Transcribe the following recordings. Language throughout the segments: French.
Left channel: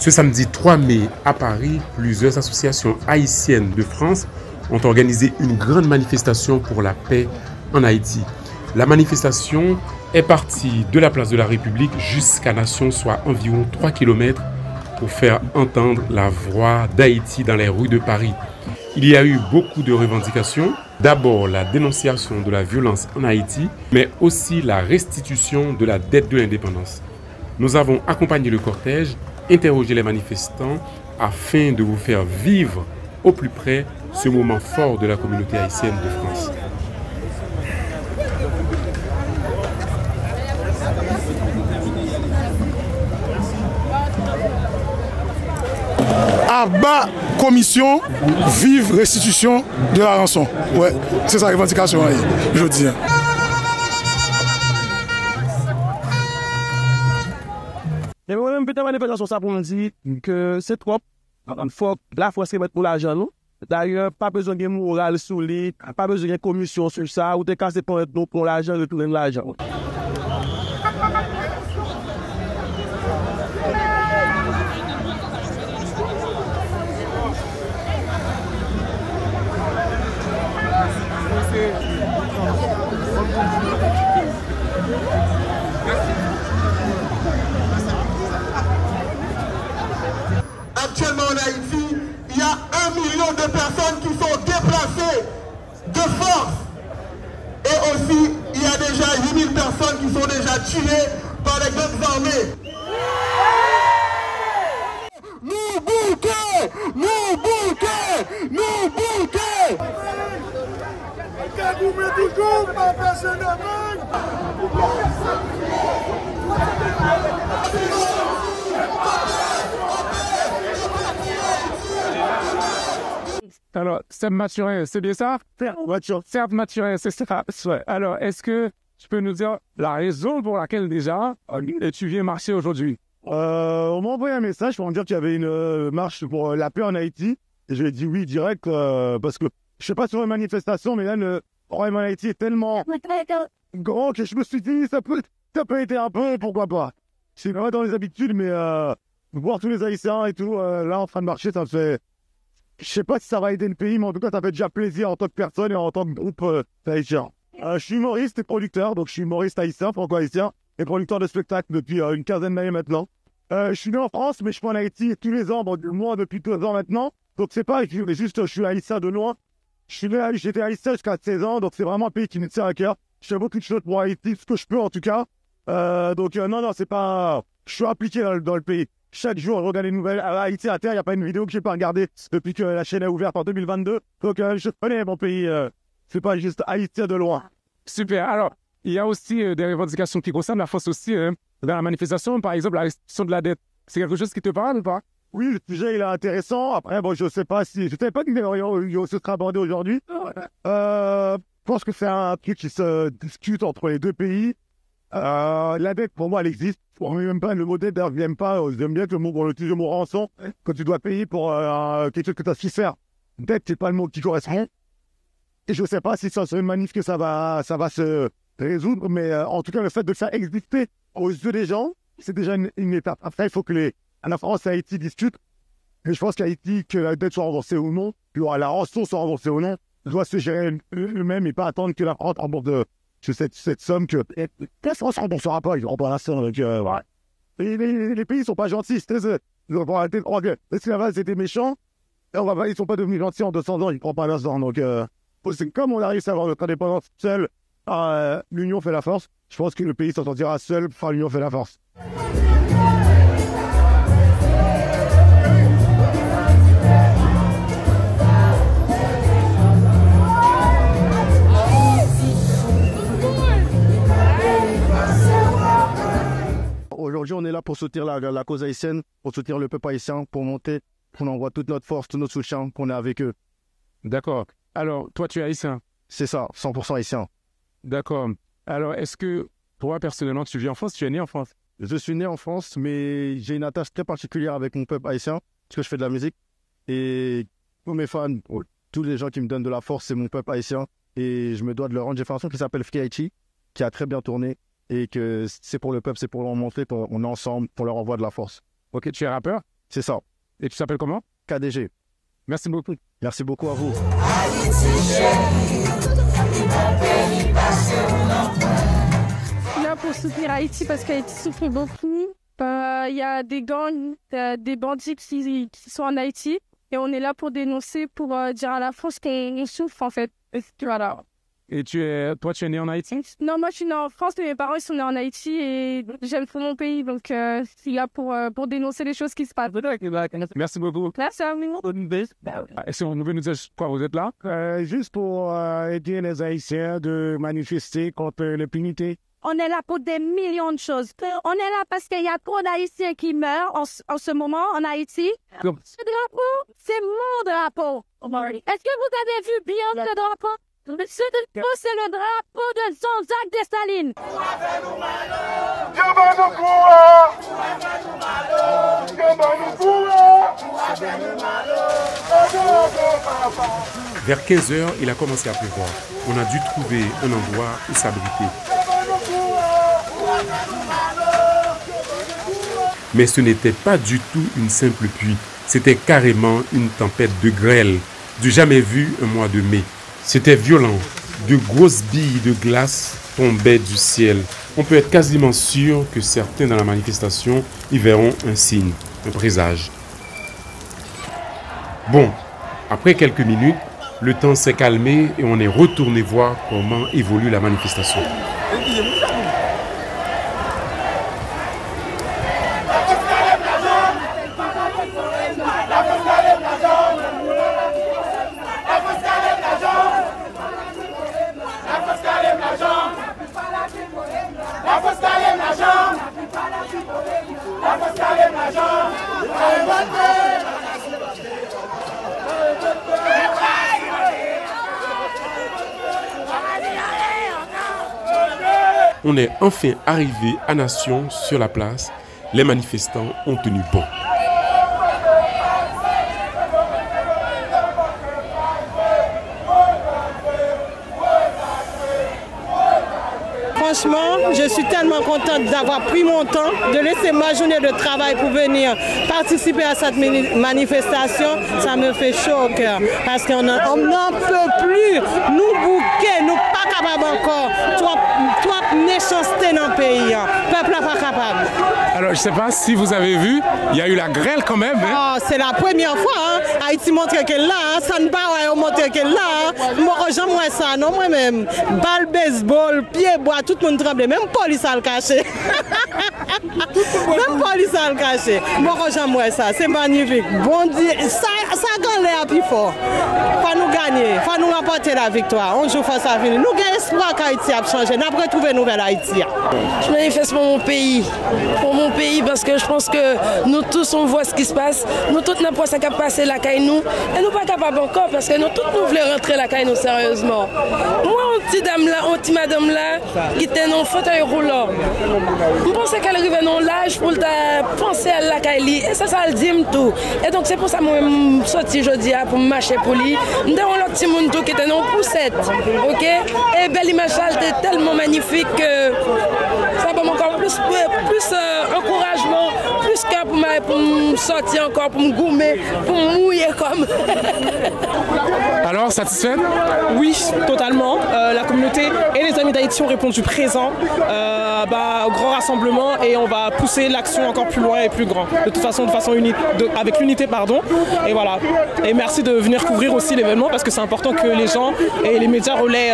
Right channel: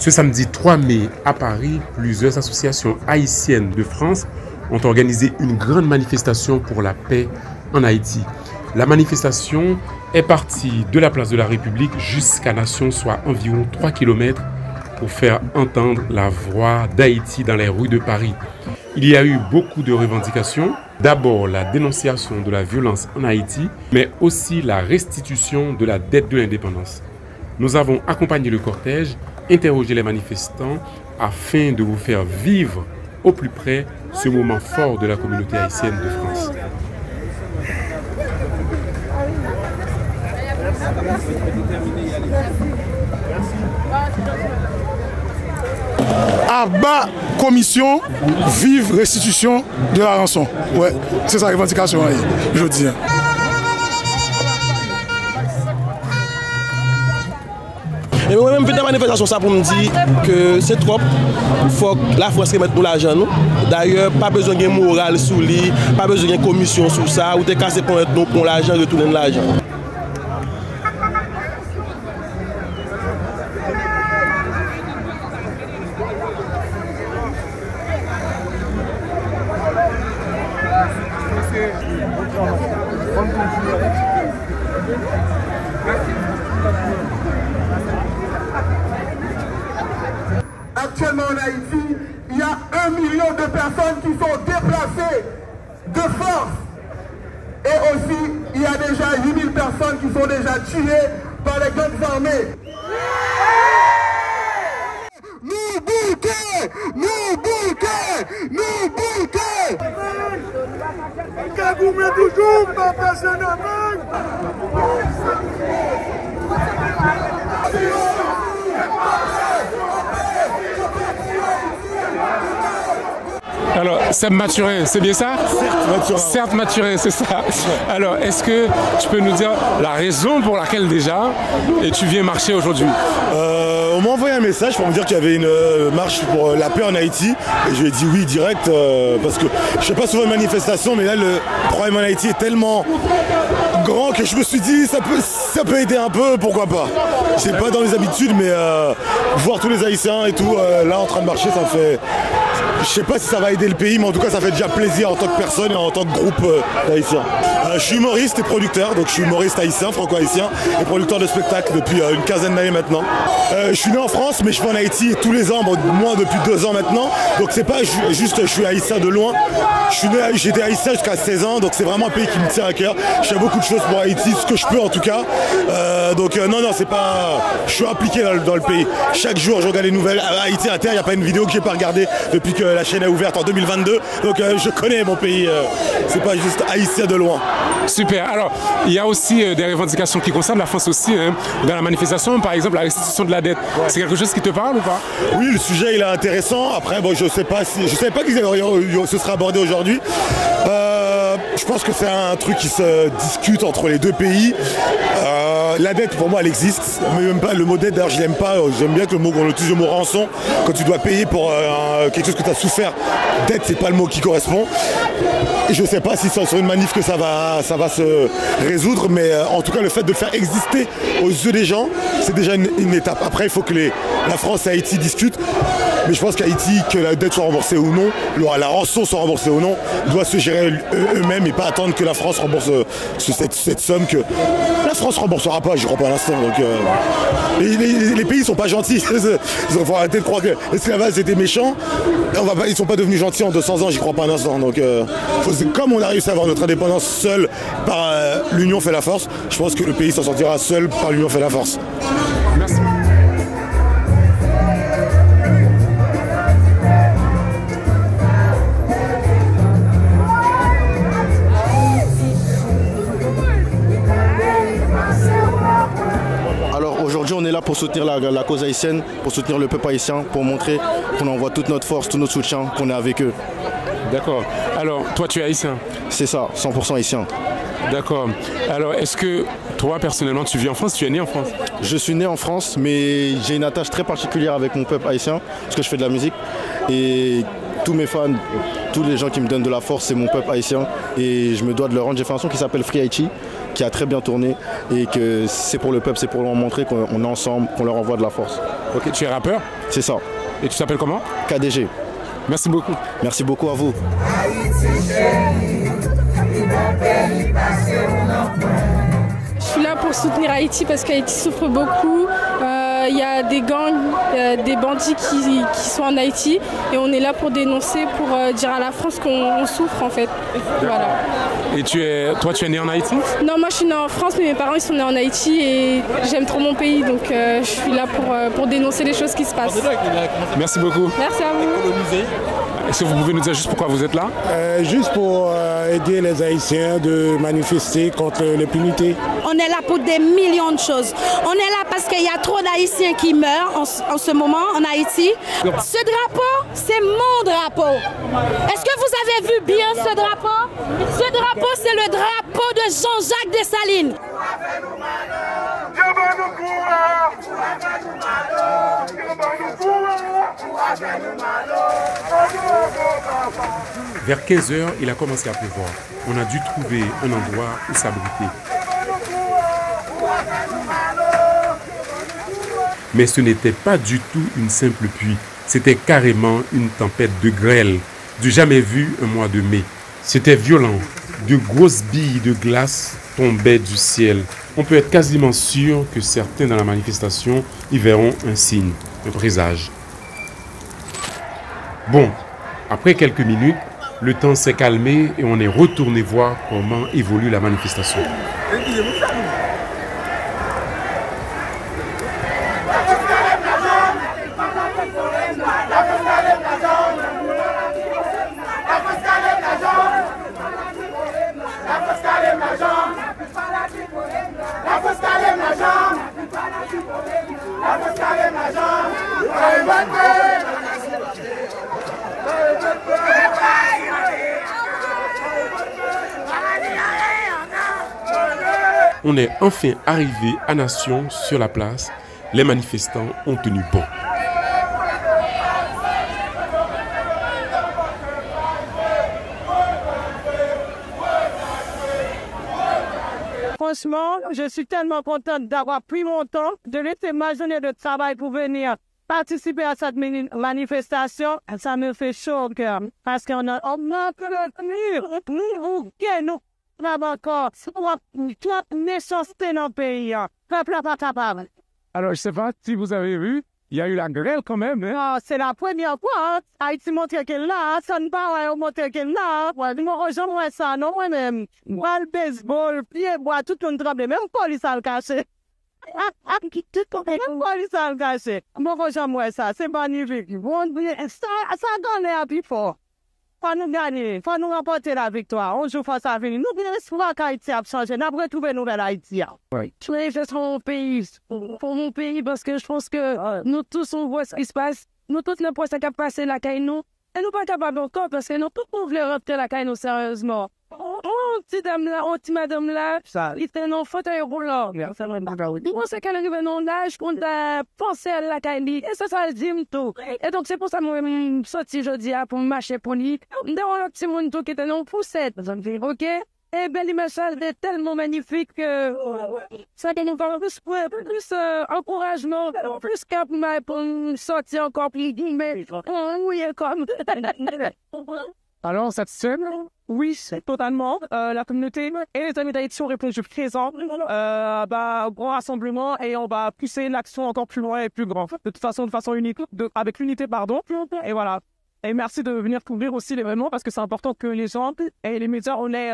Ce samedi 3 mai à Paris, plusieurs associations haïtiennes de France ont organisé une grande manifestation pour la paix en Haïti. La manifestation est partie de la place de la République jusqu'à Nation, soit environ 3 km, pour faire entendre la voix d'Haïti dans les rues de Paris. Il y a eu beaucoup de revendications. D'abord, la dénonciation de la violence en Haïti, mais aussi la restitution de la dette de l'indépendance. Nous avons accompagné le cortège, interrogé les manifestants afin de vous faire vivre au plus près ce moment fort de la communauté haïtienne de France. À bas commission, vive restitution de la rançon. Ouais, c'est sa revendication, je dis. Et moi-même, je fais une manifestation ça pour me dire que c'est trop. Il faut que la France remette pour l'argent. D'ailleurs, pas besoin de morale sous lui, pas besoin de commission sur ça, ou de casser pour l'argent, retourner l'argent. Actuellement en Haïti, il y a 1 million de personnes qui sont déplacées de force. Et aussi, il y a déjà 8 000 personnes qui sont déjà tuées par les grandes armées. Nous bouquets! Nous bouquets! Nous bouquets! Que vous mettez toujours ma personne à main! Alors, Seb Mathurin, c'est bien ça? Certes, Mathurin. Certes, Mathurin, c'est ça. Alors, est-ce que tu peux nous dire la raison pour laquelle déjà et tu viens marcher aujourd'hui? On m'a envoyé un message pour me dire qu'il y avait une marche pour la paix en Haïti. Et je lui ai dit oui direct parce que je ne fais pas souvent de manifestation, mais là le problème en Haïti est tellement grand que je me suis dit ça peut aider un peu, pourquoi pas. C'est pas dans les habitudes, mais voir tous les Haïtiens et tout là en train de marcher, ça me fait... Je sais pas si ça va aider le pays, mais en tout cas ça fait déjà plaisir en tant que personne et en tant que groupe d'Haïtiens. Je suis humoriste et producteur, donc je suis humoriste haïtien, franco-haïtien et producteur de spectacles depuis une quinzaine d'années maintenant. Je suis né en France, mais je vais en Haïti tous les ans, moi depuis 2 ans maintenant. Donc c'est pas juste je suis haïtien de loin. J'étais haïtien jusqu'à 16 ans, donc c'est vraiment un pays qui me tient à cœur. Je fais beaucoup de choses pour Haïti, ce que je peux en tout cas. Non, c'est pas... Je suis impliqué dans le pays. Chaque jour, je regarde les nouvelles. Haïti à terre, il n'y a pas une vidéo que j'ai pas regardée depuis que la chaîne est ouverte en 2022. Donc je connais mon pays. C'est pas juste haïtien de loin. Super. Alors, il y a aussi des revendications qui concernent la France aussi. Dans la manifestation, par exemple, la restitution de la dette. C'est quelque chose qui te parle ou pas? Oui, le sujet il est intéressant. Après, bon, je savais pas que ce serait abordé aujourd'hui. Je pense que c'est un truc qui se discute entre les deux pays. La dette, pour moi, elle existe. Même pas le mot dette, d'ailleurs, je l'aime pas. J'aime bien que qu'on utilise le mot rançon quand tu dois payer pour quelque chose que tu as souffert. Dette, c'est pas le mot qui correspond. Et je ne sais pas si c'est sur une manif que ça va se résoudre, mais en tout cas, le fait de le faire exister aux yeux des gens, c'est déjà une étape. Après, il faut que la France et Haïti discutent. Mais je pense qu'Haïti, que la dette soit remboursée ou non, la rançon soit remboursée ou non, doit se gérer eux-mêmes et pas attendre que la France rembourse cette somme que la France ne remboursera pas, j'y crois pas à l'instant. Donc, les pays ne sont pas gentils. Il faut arrêter de croire que l'esclavage c'était méchant. Ils ne sont pas devenus gentils en 200 ans, j'y crois pas un instant. Donc, comme on a réussi à avoir notre indépendance seul par l'union fait la force, je pense que le pays s'en sortira seul par l'union fait la force. Aujourd'hui, on est là pour soutenir la cause haïtienne, pour soutenir le peuple haïtien, pour montrer qu'on envoie toute notre force, tout notre soutien, qu'on est avec eux. D'accord. Alors, toi, tu es haïtien? C'est ça, 100% haïtien. D'accord. Alors, est-ce que toi, personnellement, tu vis en France? Tu es né en France? Je suis né en France, mais j'ai une attache très particulière avec mon peuple haïtien, parce que je fais de la musique. Et tous mes fans, tous les gens qui me donnent de la force, c'est mon peuple haïtien. Et je me dois de leur rendre. J'ai fait un son qui s'appelle Free Haïti, qui a très bien tourné. Et que c'est pour le peuple, c'est pour leur montrer qu'on est ensemble, qu'on leur envoie de la force. Ok, tu es rappeur? C'est ça. Et tu t'appelles comment? KDG. Merci beaucoup. Merci beaucoup à vous. Je suis là pour soutenir Haïti parce qu'Haïti souffre beaucoup. Il y a des gangs, des bandits qui sont en Haïti et on est là pour dénoncer, pour dire à la France qu'on souffre en fait. Voilà. Et toi, tu es né en Haïti? Non, moi je suis née en France, mais mes parents ils sont nés en Haïti et j'aime trop mon pays, donc je suis là pour dénoncer les choses qui se passent. Merci beaucoup. Merci à vous. Est-ce que vous pouvez nous dire juste pourquoi vous êtes là? Juste pour aider les Haïtiens de manifester contre l'impunité. On est là pour des millions de choses. On est là parce qu'il y a trop d'Haïtiens qui meurent en ce moment en Haïti. Ce drapeau, c'est mon drapeau. Est-ce que vous avez vu bien ce drapeau? Ce drapeau, c'est le drapeau de Jean-Jacques Dessalines. Vers 15 h, il a commencé à pleuvoir. On a dû trouver un endroit où s'abriter. Mais ce n'était pas du tout une simple pluie. C'était carrément une tempête de grêle, du jamais vu un mois de mai. C'était violent. De grosses billes de glace tombaient du ciel. On peut être quasiment sûr que certains dans la manifestation y verront un signe, un présage. Bon, après quelques minutes, le temps s'est calmé et on est retourné voir comment évolue la manifestation. On est enfin arrivé à Nation sur la place. Les manifestants ont tenu bon. Franchement, je suis tellement contente d'avoir pris mon temps, de laisser ma journée de travail pour venir participer à cette manifestation. Ça me fait chaud au cœur parce qu'on n'en peut plus. Nous bouquets, nous pas capables encore. Toi, méchanceté dans le pays. Le peuple n'est pas capable. Alors, je ne sais pas si vous avez vu, il y a eu la grêle quand même. Hein? Ah, c'est la première fois. Hein? Haïti montre qu'elle est là. Hein? Ça ne va pas montrer qu'elle est là. Hein? Moi, j'aime ça. Non, moi-même. Balle baseball, pied bois, tout le monde tremble. Même police a le caché. Même police a le caché. Moi, j'aime ça. C'est magnifique. Bon Dieu, ça gagne l'air plus fort. Faut nous gagner. Faut nous remporter la victoire. On joue face à venir. Nous gagnons espoir qu'Haïti a changé. Nous avons retrouvé une nouvelle Haïti. Je manifeste pour mon pays. Pour mon pays parce que je pense que nous tous on voit ce qui se passe. Nous tous n'importe ça qui a passé la caille nous. Et nous pas capables encore parce que nous tous nous voulons rentrer la caille nous sérieusement. Moi, une petite dame là, une petite madame là, qui était dans un fauteuil roulant. Je pense qu'elle arrive dans l'âge pour penser à la caille. Et ça le dit tout. Et donc c'est pour ça que je suis sorti aujourd'hui pour marcher pour lui. Nous avons l'autre petit monde qui était dans poussette. Ok? Et Belle Machal était tellement magnifique que ça va encore plus encouragement, plus qu'à pour me sortir encore, pour me goumer, pour me mouiller comme. Alors, satisfait? Oui, totalement. La communauté et les amis d'Haïti ont répondu présent au grand rassemblement et on va pousser l'action encore plus loin et plus grand. De toute façon, avec l'unité, pardon. Et voilà. Et merci de venir couvrir aussi l'événement parce que c'est important que les gens et les médias relaient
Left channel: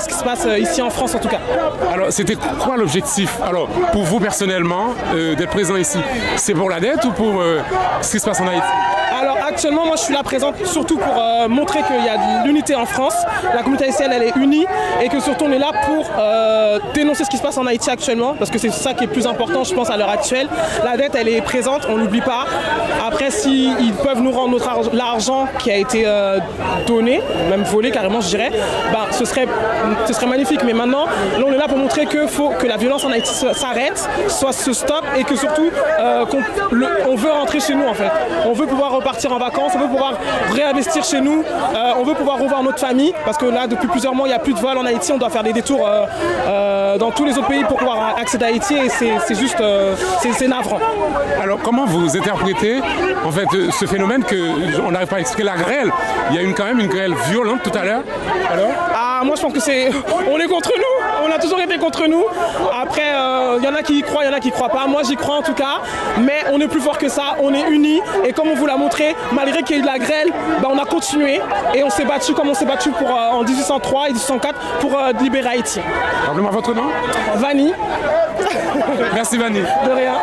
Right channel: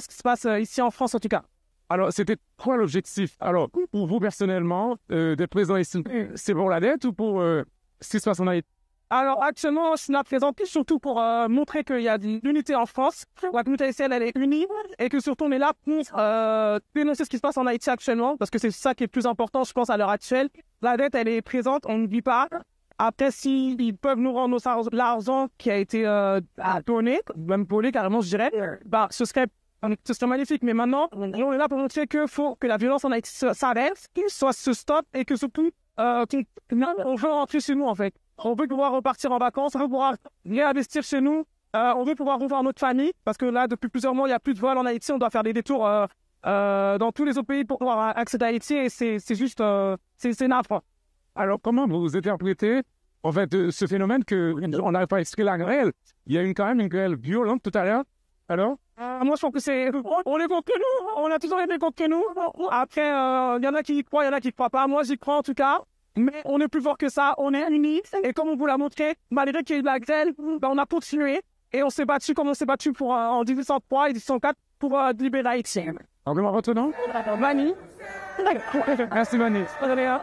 ce qui se passe ici en France en tout cas. Alors, c'était quoi l'objectif? Alors, pour vous personnellement, d'être présent ici, c'est pour la dette ou pour ce qui se passe en Haïti? Alors actuellement, moi je suis là présente surtout pour montrer qu'il y a de l'unité en France. La communauté haïtienne elle est unie et que surtout on est là pour dénoncer ce qui se passe en Haïti actuellement parce que c'est ça qui est plus important je pense à l'heure actuelle. La dette elle est présente, on n'oublie pas. Après s'ils peuvent nous rendre l'argent qui a été donné, même volé carrément je dirais, bah, ce serait magnifique. Mais maintenant, là on est là pour montrer qu'il faut que la violence en Haïti s'arrête, se stoppe et que surtout on veut rentrer chez nous en fait. On veut pouvoir repartir en vacances, on veut pouvoir réinvestir chez nous, on veut pouvoir revoir notre famille parce que là depuis plusieurs mois il n'y a plus de vol en Haïti, on doit faire des détours dans tous les autres pays pour pouvoir accéder à Haïti et c'est juste c'est navrant. Alors comment vous interprétez en fait ce phénomène qu'on n'arrive pas à expliquer, la grêle? Il y a quand même une grêle violente tout à l'heure. Alors moi je pense que on est contre nous, on a toujours été contre nous. Après il y en a qui y croient, il y en a qui y croient pas. Moi j'y crois en tout cas, mais on est plus fort que ça, on est unis et comme on vous l'a montré, malgré qu'il y ait eu de la grêle, bah, on a continué et on s'est battu comme on s'est battu en 1803 et 1804 pour libérer Haïti. Rappelez-moi votre nom. Vanny. Merci Vanny. De rien.